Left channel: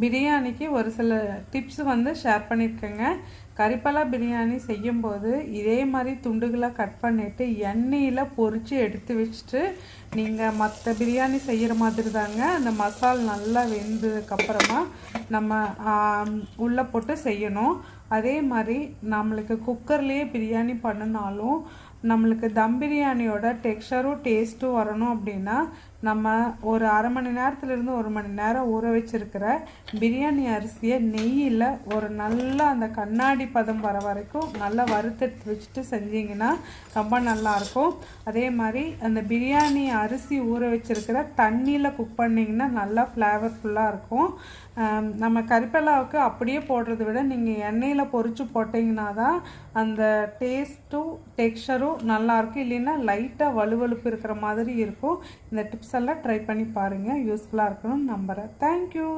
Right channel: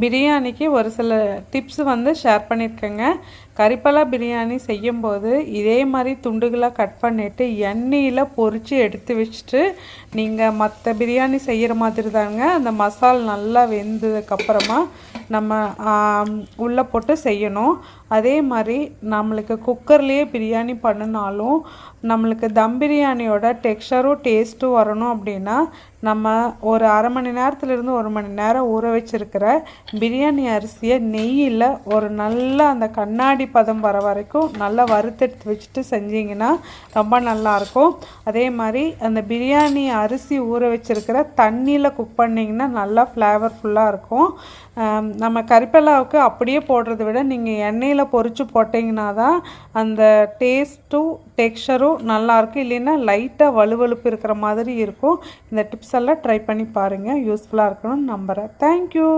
பிரியாணிக்கு ஒரு சில டிப்ஸ் வந்து ஷேர் பண்ணியிருக்கேங்க. கறிப்பலா பிரியாணி செய்யும்போது இதே மாதிரி துண்டுகளாக கட் பண்ணிவிட்டு எண்ணெயில் பொரித்து எடுத்து வச்சுட்டு நீங்கள் மற்ற பிரியாணி செய்கிற மாதிரி தாங்க அந்த மசால் நல்லா வெந்ததுக்கப்புறமா நம்ம உள்ளே போட்டு செய்யணும். அதே மாதிரி நம்மளுக்கு குக்கர்லேயே பிரியாணி பண்ணினாலும் நம்மளுக்கு தம் பிரியாணியோட டெக்ஸ்சரும் டேஸ்ட்டும் வரணும் அப்படின்னா நம்ம ஒரு அரை மணி நேரத்துலேருந்து 1 மணி நேரம் ஊற வச்சுருக்கிற பிரியாணி அரிசியை நெய்யில் ஒரு நல்லா அந்த கண்ணாடி பதம் வர வரைக்கும் நல்லா வறுத்தெடுத்து வச்சுட்டு செஞ்சிங்கன்னா ரொம்ப நல்லாயிருக்கும். அதே மாதிரி அந்த பிரியாணி அரிசி ஊற வச்சுருக்கிற தண்ணியில் குக் பண்ணிங்கன்னா நல்லா ஃப்ளேவர்ஃபுல்லாக இருக்கும். நம்ம கறிப்பலாவுக்கு அப்படியே போடுறத விட நீங்கள் எண்ணெயில் பொரித்து போட்டிங்கன்னா தான் அந்த டேஸ்ட்டும் டெக்ஸ்சரும் நல்லாயிருக்கும். இல்லைன்னா லைட்டாக வலுவலுப்பு இருக்கிற மாதிரி இருக்கும். இந்த டிப்ஸ் எல்லாம் ட்ரை பண்ணி பாருங்கள். யூஸ்ஃபுல்லாக இருக்கணும்னு நம்புகிறேன். தேங்க்யூ.